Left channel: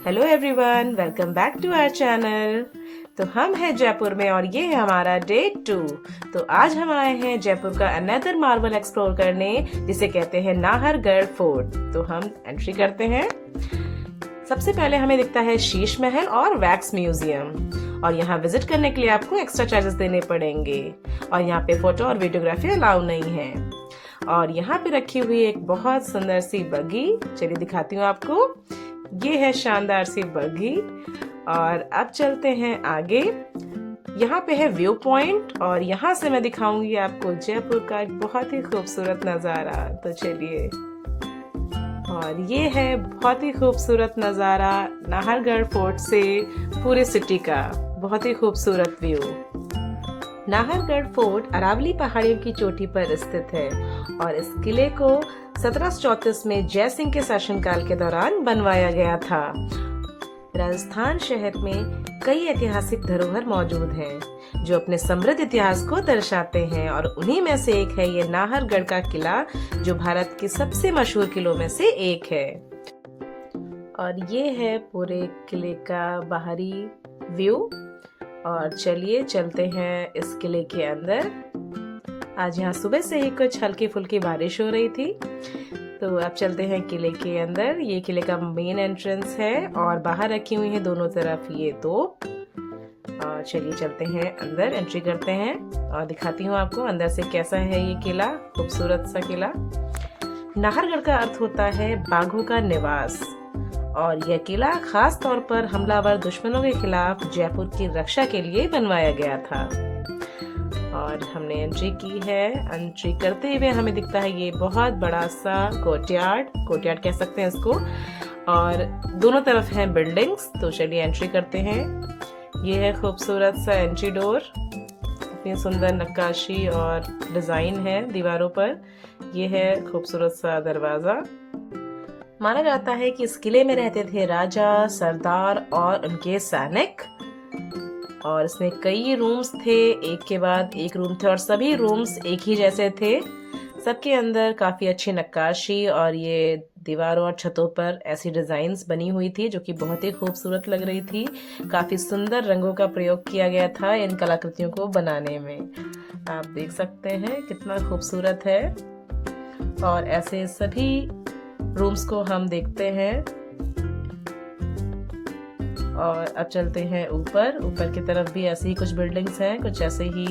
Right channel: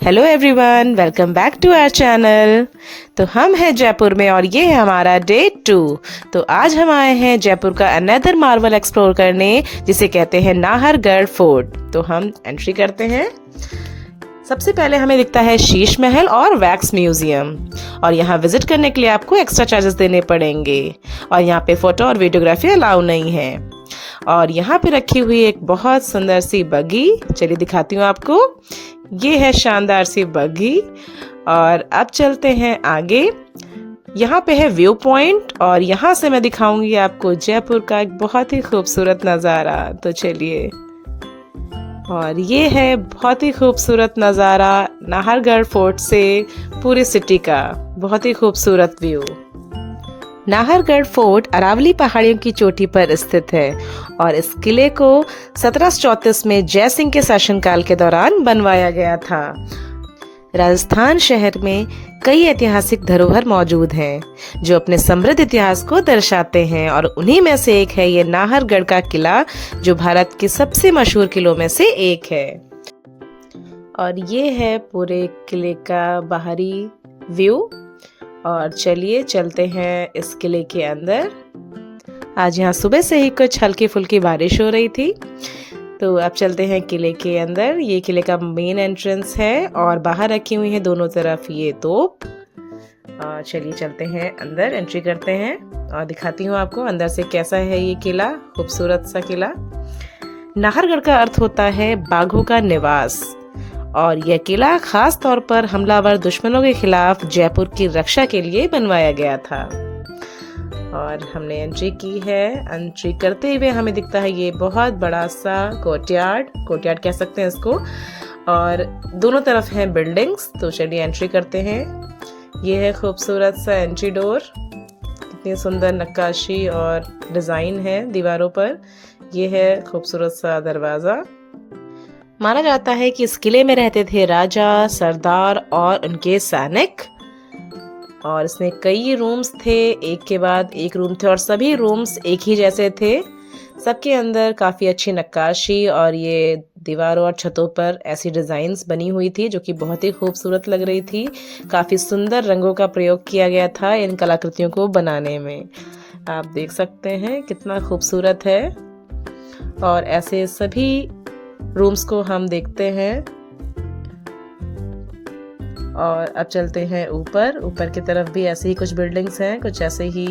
Hello everyone, welcome back to our channel. तो हम हैं जयपुर में और ये है हमारा डे 2। तो आज हम आए हैं जयपुर का अनदर मार्वल एक्सप्लोर करने, जिसे कहते हैं नाहरगढ़ फोर्ट। तो हम एंट्री करते हैं। सबसे पहले हमें दिखता है शीश महल और वैक्स म्यूजियम, और यहाँ विजिट करने के लिए आपको एक्स्ट्रा चार्जेस देने पड़ेंगे, और यहाँ पे फोटो और वीडियोग्राफी अलाउ नहीं है। और यहाँ पे रखी हुई एक बहुत सुंदर सी बग्गी, चलिए दिखाती हूँ आपको। ये है शानदार सी बग्गी। और अब चलते हैं आगे। यहाँ पे है व्यू पॉइंट, और यहाँ से मैं दिखाऊंगी आपको जयपुर का एक बहुत ही खूबसूरत नज़ारा। तो चलिए, और ये है बहुत ही खूबसूरत नज़ारा नाहरगढ़ फोर्ट से पूरी सिटी का, बहुत ही खूबसूरत व्यू। नाहरगढ़ फोर्ट अरावली पहाड़ियों की चोटी पर स्थित है, और इस किले को 1734 में जय सिंह के शासनकाल के दौरान बनवाया गया था। राजस्थान शहर में कई ऐतिहासिक धरोहर मौजूद हैं, जो अपने समृद्ध इतिहास को दर्शाते हैं, और उन्हीं में से एक है ये नाहरगढ़ का किला, जो भारत के सबसे मशहूर किलों में से एक है। और ये है पूरे किले का बाहरी व्यू। और चलिए चलते हैं इस किले के अंदर। आज यहाँ सुबह से ही कुछ हल्की फुल्की बारिश हो रही थी। तो अब चलते हैं किले के अंदर। ये किले का मेन एंट्रेंस है, और बाहर रखी हुई है दोनों तरफ ये तोप। और चलिए चलते हैं अंदर, एंट्री करते हैं और दिखाती हूँ आपको अंदर से कैसा है ये किला, खूबसूरत सा किला। नाहरगढ़ का अर्थ होता है बाघों का निवास, और यह किला खास तौर पर हमलावर दुश्मनों के खिलाफ जयपुर की रक्षा के लिए बनवाया गया था। और हमने एंट्री की है। एंट्री करते हुए हमें दिखता है ये बहुत बड़ा सा कोर्टयार्ड कह सकते हैं इसको, और दोनों तरफ हैं बिल्डिंग्स। तो चलिए एंट्री करते हैं। ये है खूबसूरत सा एंट्री डोर, इतनी सुंदर नक्काशी और डिजाइन है दीवारों पर। ये है खूबसूरत सा दरवाजा। माना जाता है कि इस किले में रहते थे राजा, सरदार और उनके सैनिक, और इसमें कई रूम्स थे, एक के बाद एक रूम थे, और सभी रूम्स एक ही जैसे थे। सबके अंदर काफ़ी अच्छी नक्काशी, और ये दीवारों और छतों पर ऐसी डिज़ाइंस बनी हुई थी जो कि बहुत ही खूबसूरत लग रही थी। काफ़ी सुंदर रंगों का प्रयोग किया गया था इन कलाकृतियों को बनाने में। आप देख सकते हैं कितना खूबसूरत है। और ऐसे सभी रूम्स को हम देखते हैं। और अब चलते हैं ऊपर की तरफ भी ऐसे ही कुछ बिल्डिंग्स हैं, कुछ ऐसे ही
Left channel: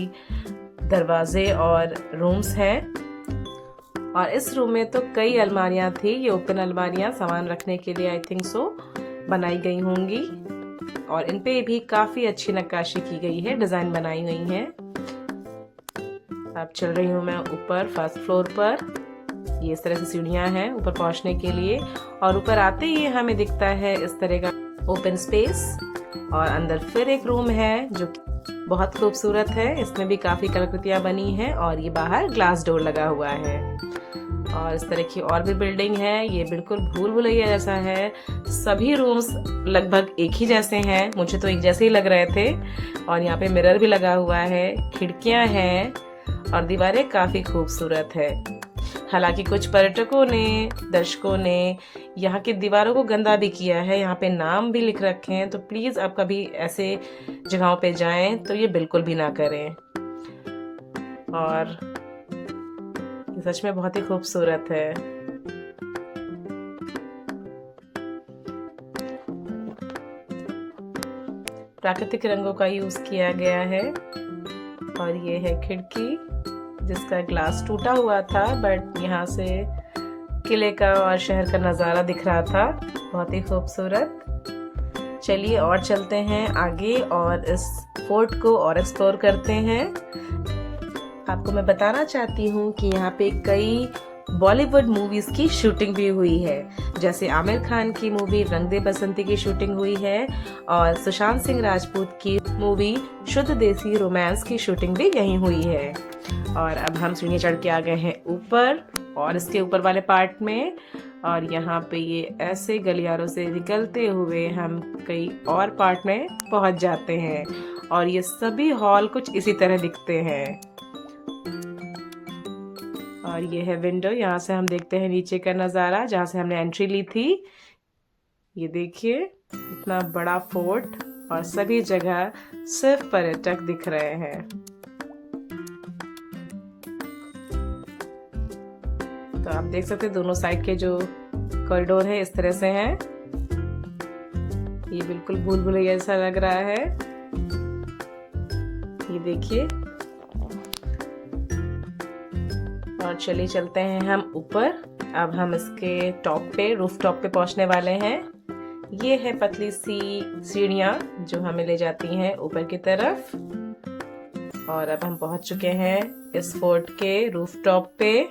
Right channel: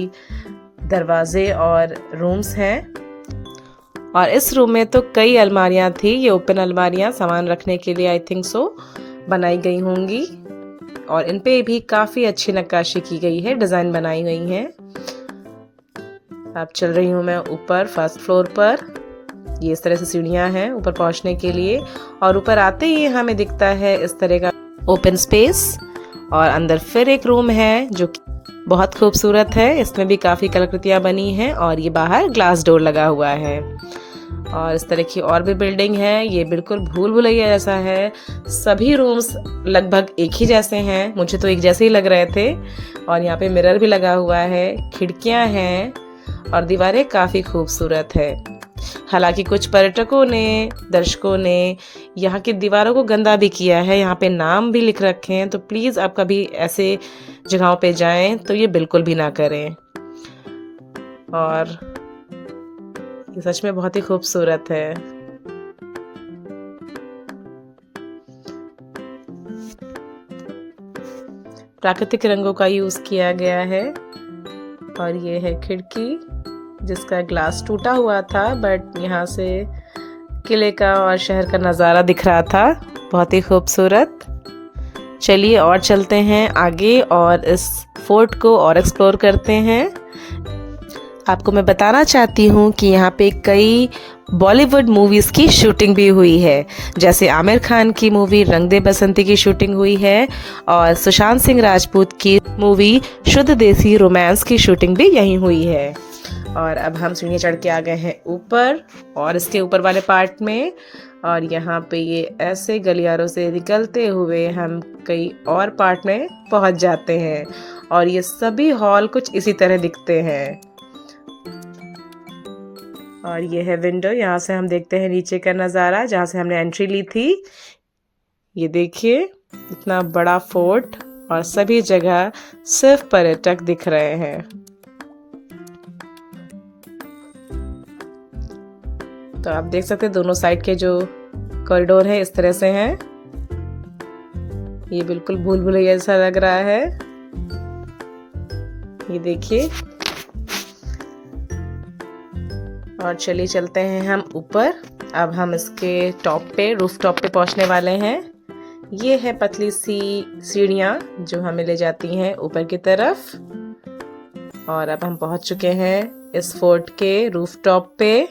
दरवाजे और रूम्स हैं। और इस रूम में तो कई अलमारियां थी, ये ओपन अलमारियां सामान रखने के लिए आई थिंक सो बनाई गई होंगी, और इन पे भी काफ़ी अच्छी नक्काशी की गई है, डिज़ाइन बनाई गई है। अब चल रही हूँ मैं ऊपर फर्स्ट फ्लोर पर। ये इस तरह से सीढ़ियाँ हैं ऊपर पहुँचने के लिए, और ऊपर आते ही हमें दिखता है इस तरह का ओपन स्पेस, और अंदर फिर एक रूम है जो बहुत खूबसूरत है। इसमें भी काफ़ी कलाकृतियाँ बनी हैं, और ये बाहर ग्लास डोर लगा हुआ है। और इस तरह की और भी बिल्डिंग है, ये बिल्कुल भूल भुलैया जैसा है। सभी रूम्स लगभग एक ही जैसे हैं, मुझे तो एक जैसे ही लग रहे थे। और यहाँ पे मिरर भी लगा हुआ है, खिड़कियाँ हैं, और दीवारें काफ़ी खूबसूरत है। हालांकि कुछ पर्यटकों ने, दर्शकों ने यहाँ की दीवारों को गंदा भी किया है, यहाँ पे नाम भी लिख रखे हैं। तो प्लीज़ आप कभी ऐसे जगहों पे जाएं तो ये बिल्कुल भी ना करें। और ये सच में बहुत ही खूबसूरत है। प्राकृतिक रंगों का यूज़ किया गया है। और ये है खिड़की जिसका ग्लास टूटा हुआ था, बट यहाँ से किले का और शहर का नज़ारा दिख रहा था, बहुत ही खूबसूरत। चलिए और चलते हैं आगे और इस फोर्ट को और एक्सप्लोर करते हैं। आपको मैं बताना चाहती हूँ कि यहाँ पे कई बॉलीवुड मूवीज़ की शूटिंग भी हुई है, जैसे आमिर खान की मूवी रंग दे बसंती की शूटिंग हुई है, और सुशांत सिंह राजपूत की मूवी शुद्ध देसी रोमांस की शूटिंग भी यहीं हुई है। और अब हम सीढ़ी चढ़ के आ गए हैं ऊपर, और इसके ऊपर वाले पार्ट में। और यहाँ पे ये ऐसे गलियारों से निकलते हुए हम कई और पार्ट में पहुँच जाते हैं, और ये सभी हॉल कुछ इसी तरह दिखते हैं। और ये है विंडो, यहाँ से हम देखते हैं नीचे का नज़ारा जहाँ से हमने एंट्री ली थी। ये देखिए इतना बड़ा फोर्ट और सभी जगह सिर्फ पर्यटक दिख रहे हैं। तो आप देख सकते हैं दोनों साइड के जो कॉरिडोर है इस तरह से हैं। ये बिल्कुल भूल भुलैया जैसा लग रहा है। ये देखिए। और चलिए चलते हैं हम ऊपर। अब हम इसके टॉप पे, रूफ टॉप पे पहुंचने वाले हैं। ये है पतली सी सीढ़ियाँ जो हमें ले जाती हैं ऊपर की तरफ। और अब हम पहुंच चुके हैं इस फोर्ट के रूफ टॉप पे।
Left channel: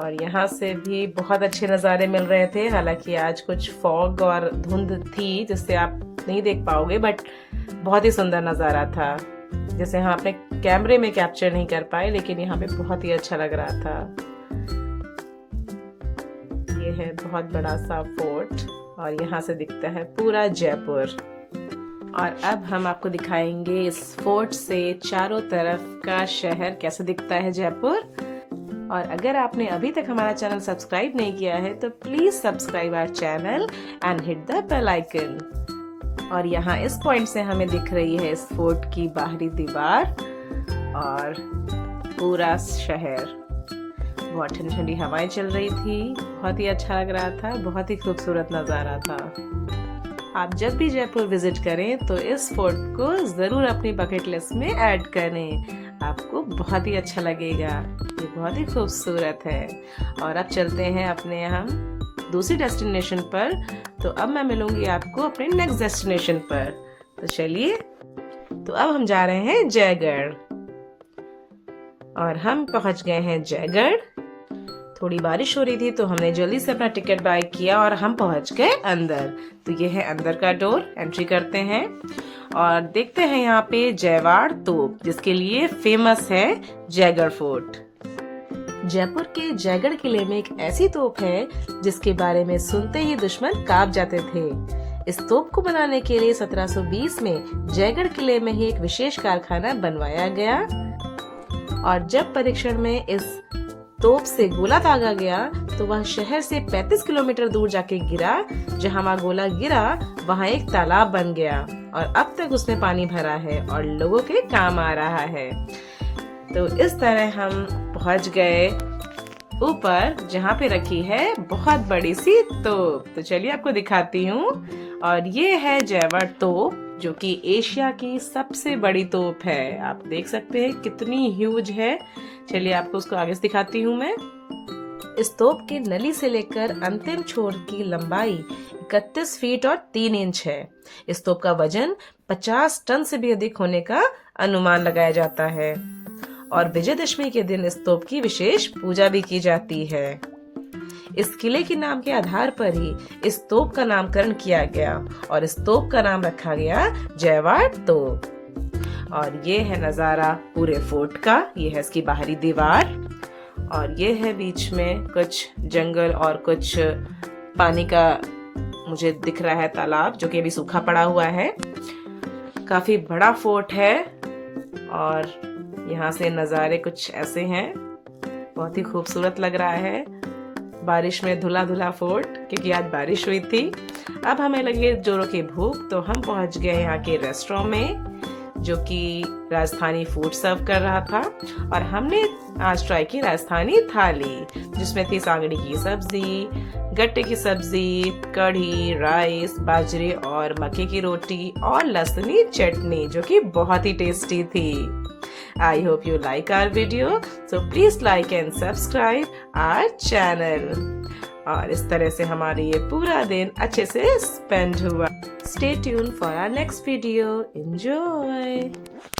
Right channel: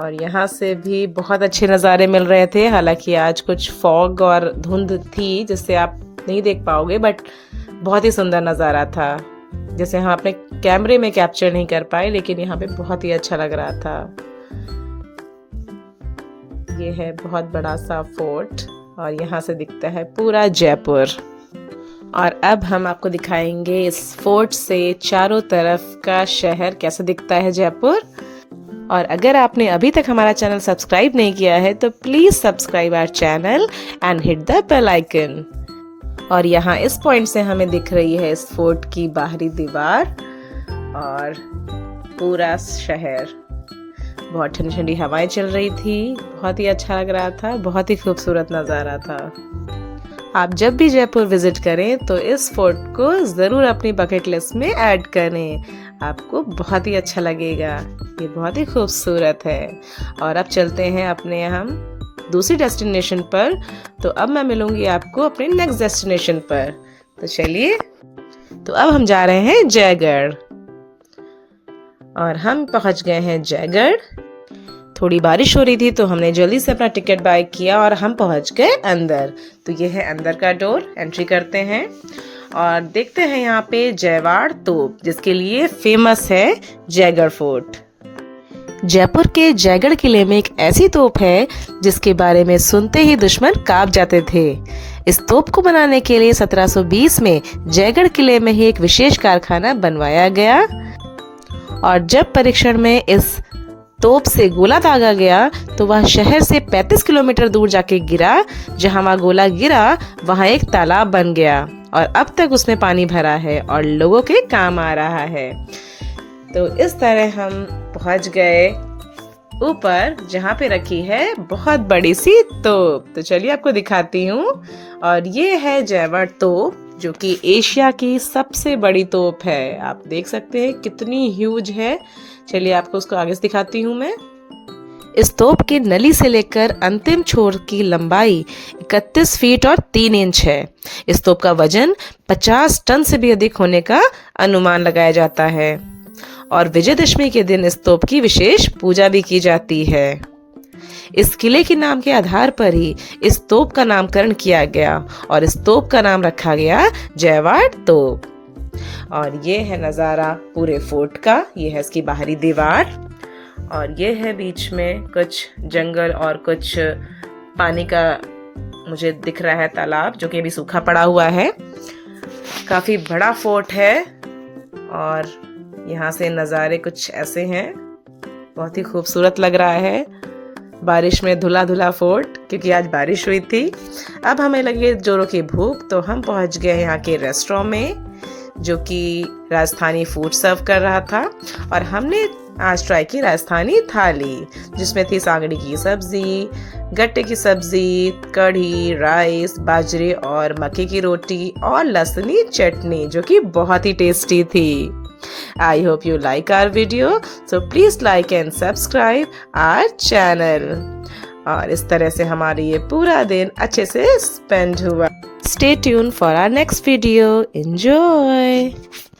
और यहाँ से भी बहुत अच्छे नज़ारे मिल रहे थे। हालांकि आज कुछ फॉग और धुंध थी जिससे आप नहीं देख पाओगे, बट बहुत ही सुंदर नज़ारा था, जैसे हम अपने कैमरे में कैप्चर नहीं कर पाए, लेकिन यहाँ पे बहुत ही अच्छा लग रहा था। ये है बहुत बड़ा सा फोर्ट और यहाँ से दिखता है पूरा जयपुर। और अब हम आपको दिखाएंगे इस फोर्ट से चारों तरफ का शहर कैसा दिखता है जयपुर। और अगर आपने अभी तक हमारा चैनल सब्सक्राइब नहीं किया है तो please subscribe our channel and hit the bell icon. और यहाँ इस पॉइंट से हमें दिख रही है इस फोर्ट की बाहरी दीवार और पूरा शहर। बहुत ठंडी ठंडी हवाएं चल रही थी, बहुत ही अच्छा लग रहा था, बहुत ही खूबसूरत नज़ारा था। आप जब भी जयपुर विजिट करें तो इस फोर्ट को ज़रूर अपनी बकेट लिस्ट में ऐड करें, आपको बहुत ही अच्छा लगेगा। ये बहुत ही खूबसूरत है। और अब चलते हैं अपने हम दूसरी डेस्टिनेशन पर। तो अब मैं मिलूंगी आपको अपने नेक्स्ट डेस्टिनेशन पर। तो चलिए, तो अब हम जा रहे हैं जयगढ़। और हम पहुंच गए हैं जयगढ़। थोड़ी बारिश हो रही थी तो हमने जल्दी से अपना टिकट बाय किया और हम पहुंच गए अंदर। तो ये है अंदर का डोर, एंट्री करते हैं और देखते हैं यहाँ पे जयवाड़ तोप, जिसके लिए फेमस है जयगढ़ फोर्ट। जयपुर के जयगढ़ किले में एक ऐसी तोप है जिसके बारे में सुनते ही दुश्मन कांप जाते थे। इस तोप को बनाने के लिए 1720 में जयगढ़ किले में ही एक विशेष कारखाना बनवाया गया। और जब परीक्षण में इस तोप से गोला दागा गया तो वह शहर से 35 किलोमीटर दूर जाके गिरा। जहां वह गोला गिरा वहां एक तालाब बन गया और अब तक उसमें पानी भरा है और लोगों के काम आ रहा है। तो इस तरह हम पहुंच गए ऊपर, जहां पे रखी है बहुत बड़ी सी तोप। तो चलिए आपको दिखाती हूँ। और ये है जयवाड़ तोप, जो कि एशिया की सबसे बड़ी तोप है। आप देख सकते हैं कितनी ह्यूज है। चलिए आपको उसको आगे से दिखाती हूँ मैं। इस तोप के नली से लेकर अंतिम छोर की लंबाई 31 फीट और 3 इंच है। इस तोप का वजन 50 टन से भी अधिक होने का अनुमान लगाया जाता है। और विजयदशमी के दिन इस तोप की विशेष पूजा भी की जाती है। इस किले के नाम के आधार पर ही इस तोप का नामकरण किया गया और इस तोप का नाम रखा गया जयवाड़ तोप। और ये है नज़ारा पूरे फोर्ट का। ये है इसकी बाहरी दीवार और ये है बीच में कुछ जंगल और कुछ पानी का मुझे दिख रहा है तालाब, जो कि अभी सूखा पड़ा हुआ है। काफी बड़ा फोर्ट है और यहाँ से नज़ारे कुछ ऐसे हैं। बहुत ही खूबसूरत लग रहा है। बारिश में धुला धुला फोर्ट, क्योंकि आज बारिश हुई थी। अब हमें लगी जोरों की भूख, तो हम पहुँच गए यहाँ के रेस्टोरेंट में, जो कि राजस्थानी फूड सर्व कर रहा था। और हमने आज ट्राई की राजस्थानी थाली, जिसमें थी सांगड़ी की सब्जी, गट्टे की सब्जी, कढ़ी, राइस, बाजरे और मक्के की रोटी और लहसुनी चटनी, जो कि बहुत ही टेस्टी थी। I hope you like our video, so please like and subscribe our channel। और इस तरह से हमारी ये पूरा दिन अच्छे से स्पेंड हुआ। Stay tuned for our next video. Enjoy!